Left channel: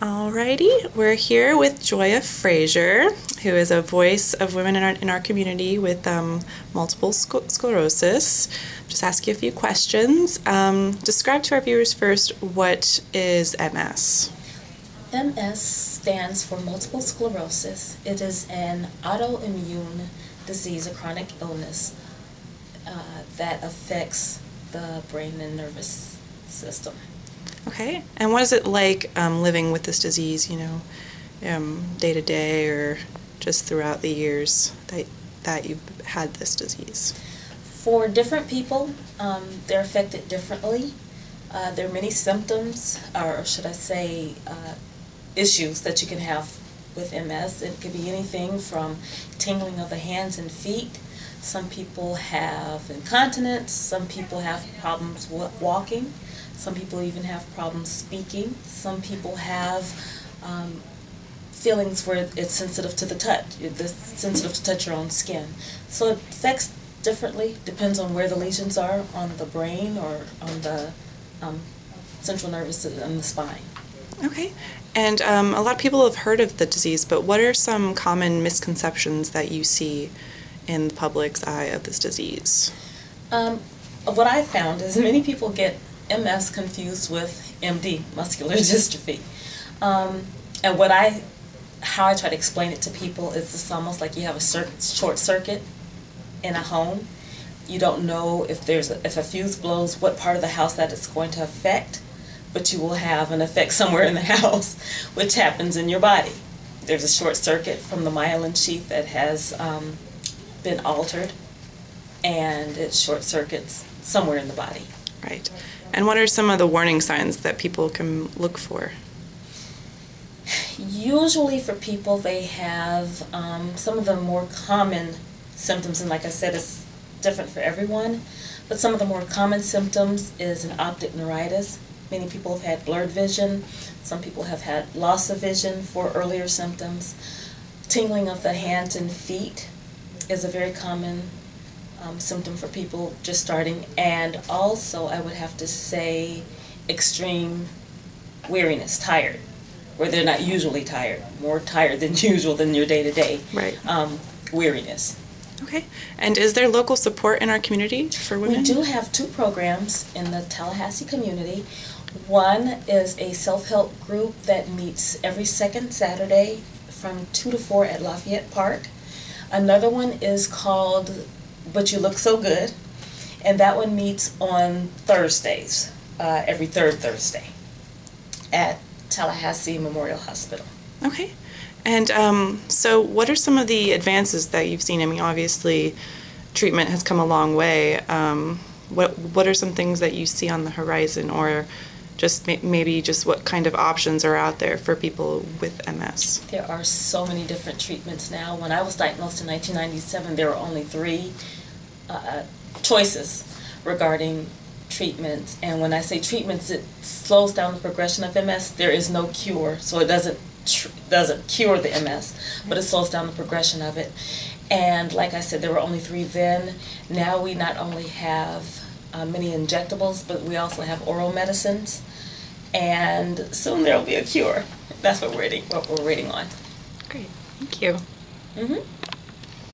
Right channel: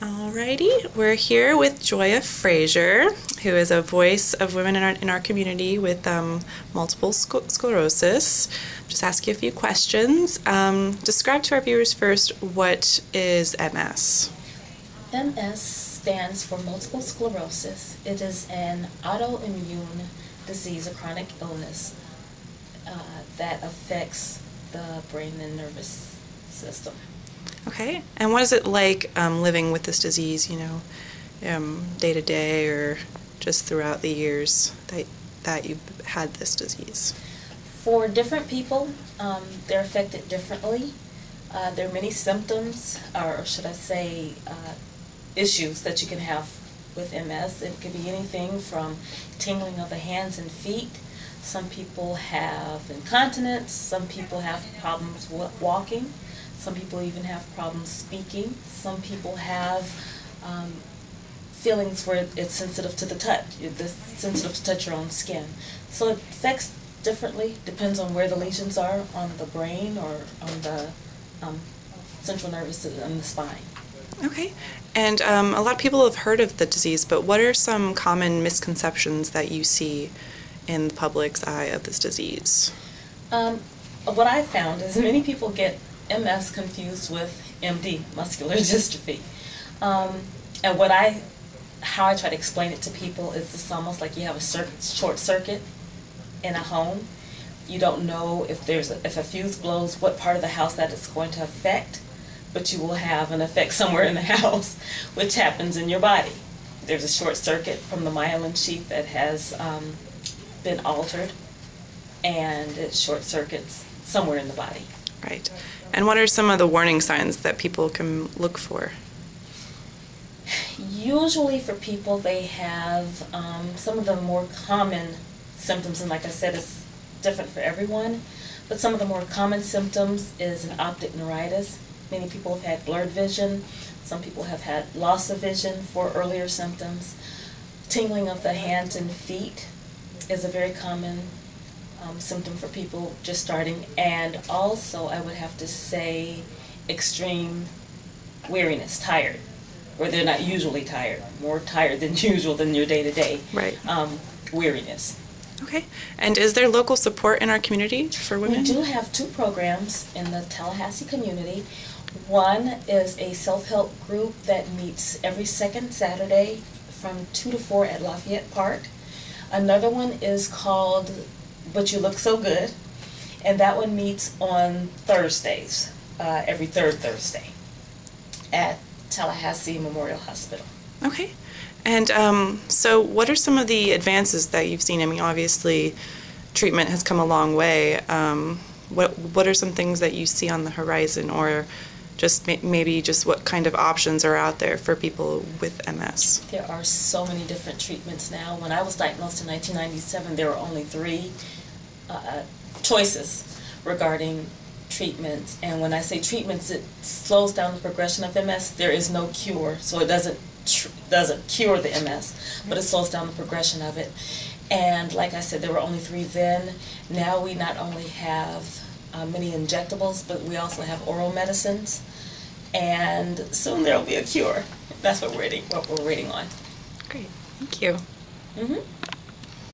Alrighty, we're here with Joya Frazier, who is a voice of women in our community with multiple sclerosis. Just ask you a few questions. Describe to our viewers first, what is MS? MS stands for multiple sclerosis. It is an autoimmune disease, a chronic illness that affects the brain and nervous system. Okay, and what is it like living with this disease, day to day or just throughout the years that you've had this disease? For different people, they're affected differently. There are many symptoms, or should I say, issues that you can have with MS. It could be anything from tingling of the hands and feet. Some people have incontinence. Some people have problems walking. Some people even have problems speaking. Some people have feelings where it's sensitive to the touch. It's sensitive to touch your own skin. So it affects differently, depends on where the lesions are on the brain or on the central nervous system and the spine. Okay, and a lot of people have heard of the disease, but what are some common misconceptions that you see in the public's eye of this disease? What I found is many people get MS confused with MD, muscular dystrophy. And how I try to explain it to people is it's almost like you have a short circuit in a home. You don't know if a fuse blows, what part of the house that it's going to affect, but you will have an effect somewhere in the house, which happens in your body. There's a short circuit from the myelin sheath that has been altered, and it short circuits somewhere in the body. Right. And what are some of the warning signs that people can look for? Usually for people, they have some of the more common symptoms, and like I said, it's different for everyone, but some of the more common symptoms is an optic neuritis. Many people have had blurred vision. Some people have had loss of vision for earlier symptoms. Tingling of the hands and feet is a very common symptom for people just starting, and also I would have to say extreme weariness, tired, where they're not usually tired, more tired than usual than your day-to-day weariness. Okay, and is there local support in our community for women? We do have two programs in the Tallahassee community. One is a self-help group that meets every second Saturday from 2 to 4 at Lafayette Park. Another one is called But You Look So Good, and that one meets on Thursdays, every third Thursday at Tallahassee Memorial Hospital. Okay, and so what are some of the advances that you've seen? I mean, obviously treatment has come a long way. What are some things that you see on the horizon, or just maybe just what kind of options are out there for people with MS? There are so many different treatments now. When I was diagnosed in 1997, there were only 3 choices regarding treatments. And when I say treatments, it slows down the progression of MS. There is no cure, so it doesn't cure the MS, but it slows down the progression of it. And like I said, there were only 3 then. Now we not only have many injectables, but we also have oral medicines, and soon there will be a cure. That's what we're waiting on. Great, thank you. Mm-hmm.